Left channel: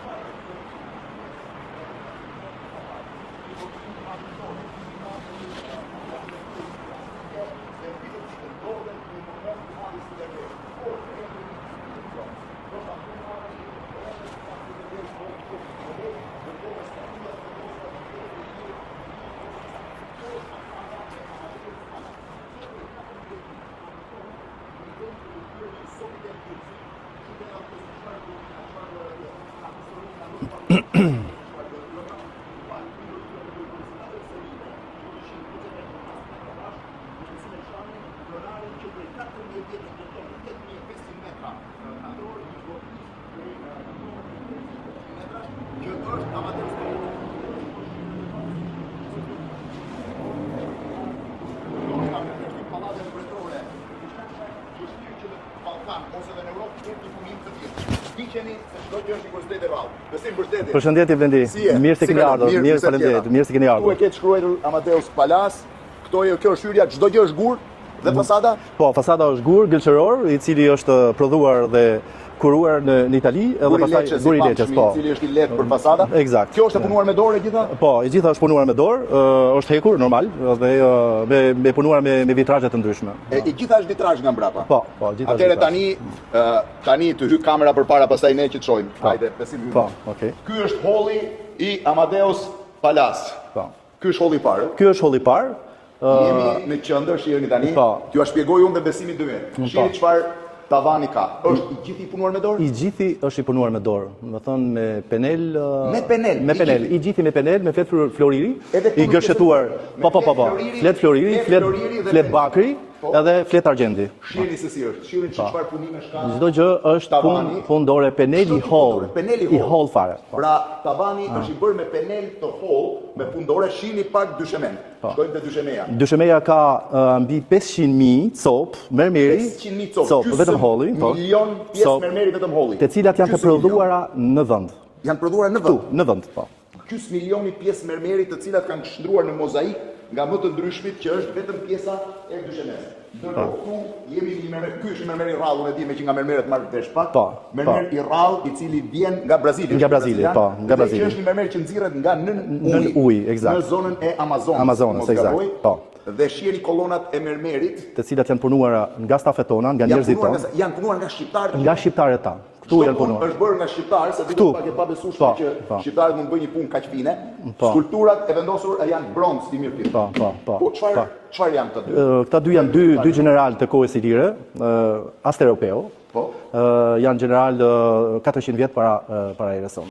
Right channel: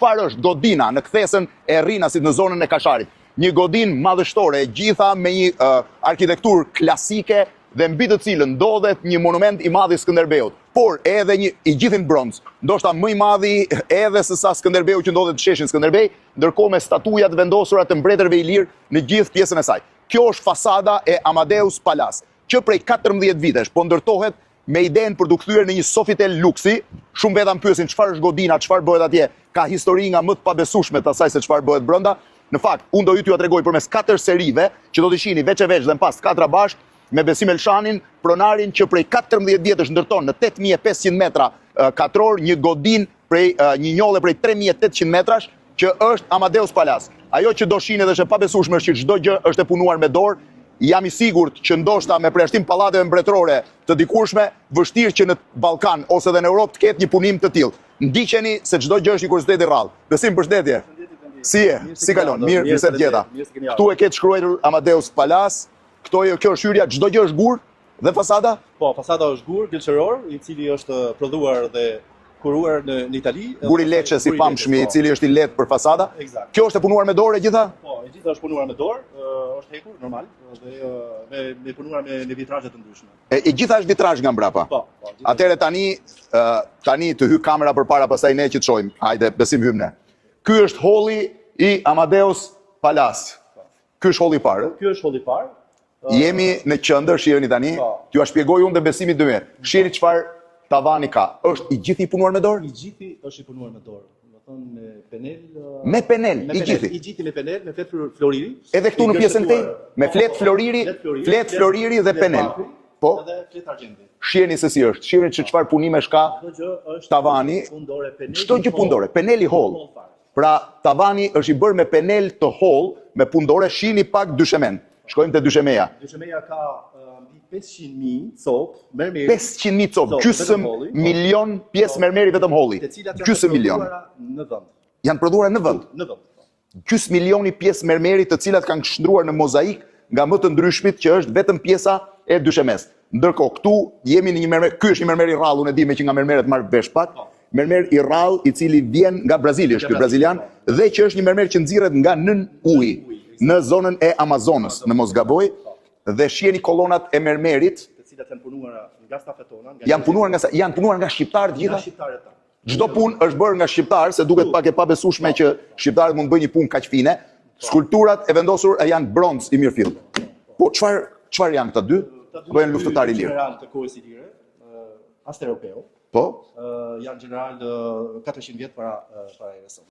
çfarë është godina në kthesën e Rrinasit në zonën e Kasharit. Një godinë madhështore, e gjitha me një arkitekturë klasike dhe mbi të cilën ndodhet një monument i madh i Skënderbeut, por edhe një i gjithë në bronz, ndoshta më i madhi edhe se sa Skënderbeu që ndodhet në sheshin Skënderbej, ndërkohë me statujat vendosura të mbretërve ilirë në gjithë pjesën e saj. Kjo është fasada e Amadeus Palace, që prej 14 vitesh po ndërtohet me idenë për të kthyer në një Sofitel luksi. Shumë veta më pyesin çfarë është godina, çfarë bëhet atje. Ka histori nga më të pabesueshme të asaj se çfarë bëhet brenda. Në fakt, unë do t'ju tregoj përmes 4 serive që do t'i shihni veç e veç dhe në pas 4 bashkë me Besim Elshanin, pronarin që prej 14 vjetësh ndërton në 8500 metra katror një godin prej një njolle prej 3800 metrash që është Amadeus Palace. Ajo që do shihni dhe është e pabesueshme është që çdo gjë është e punuar me dorë. Jam i sigurt që ndoshta me përjashtim pallateve mbretërore të dikurshme, vështirë që në Ballkan ose edhe në Europë të ketë një punim të tillë. Ndiqeni se çdo gjë është një kuriozitet i rrallë. Besim, përshëndetje. Përshëndetje Blendi. Mirë se keni ardhur. Mirë se keni ardhur. Ktu e ke shkruar Amadeus Palace. Kjo është hyrja, çdo gjë është gur dhe fasada? Po, fasada është gur gëlqëror, i cili është prodhuar dhe kuruar në Itali. Guri leçe si pamshmi, i cili është i lehtë për fasada. Eksakt. Kjo është e punuar me dorë e gjitha? Po, e gjitha është punuar me dorë, është hekur normal dhe me punuar me vitrazhe të ndryshme. E gjitha është vitrazh nga mbrapa. Po, gjitha. Atëherë tani të hy kamera përpara, pastaj ne që të shohim. Hajde, Besim hyn ne. Okej. Ky është holli i Amadeus Palace. Po. Ky është holli i parë. Ky është holli i parë. Jemi në qendër, shiheni tani. T'ju shpjegoj unë dhe Besimi dy herë. Shihni çfarë tavani ka. Është i gjithë i punuar me dorë? I gjithë është i punuar me dorë. Do thënë me penel. Me penel. I gjithë me penel, me fletë floriri. Edhe këtu në pjesën tjetër. Me fletë floriri, fletë floriri dhe penel. Bakri, edhe fletë argjendi. Shihni se si është. Shihni se çfarë punime ka. Çdo gjë është tavani fundore, peneli Çdo gjë fundore, peneli hall fare. Pra tavani është i bërë me penel të hall, me pundore. Shihni pak dyshemen. Shkojmë te dyshemeja. Dyshemeja ka mbi 500.000 copë mermeri. 500.000 copë, gjysmë milion pjesë mermeri vetëm holli. Të cilat janë prodhuara në vend. Janë prodhuara në vend. Në vend, po. Gjysmë milioni pjesë mermeri të cilat kanë qëndruar në mozaik nga më të ndryshmit që është vetëm pjesa e dyshemes. Ndërkohë këtu jemi në një mermer, ky është një mermer i rrallë, unë e di me që nga mermeret marr vesh pak. Mermer i rrallë i cili vjen nga Brazili, është brazilian, dhe që është një mermer që nxirret nga nën ujë, në zonën e Amazonës, në mos gaboj. Dhe shiheni kolonat e mermerit, të cilat janë punuar nga stafet tona, nga njerëzit. Janë punuar nga shqiptarët gjithë. Nga shqiptarët tanë. Çdo punë është bërë nga shqiptarë, se duket pak e pabesueshme që shqiptarët mund bëjnë një punë kaq fine. Skulpturat e vendosur janë bronz i mirëfill. Po çfarë janë këta dy? Këta dy janë dy general të kohës së lire, Asteropeu. Po. Janë general 400 vjet para erës sonë.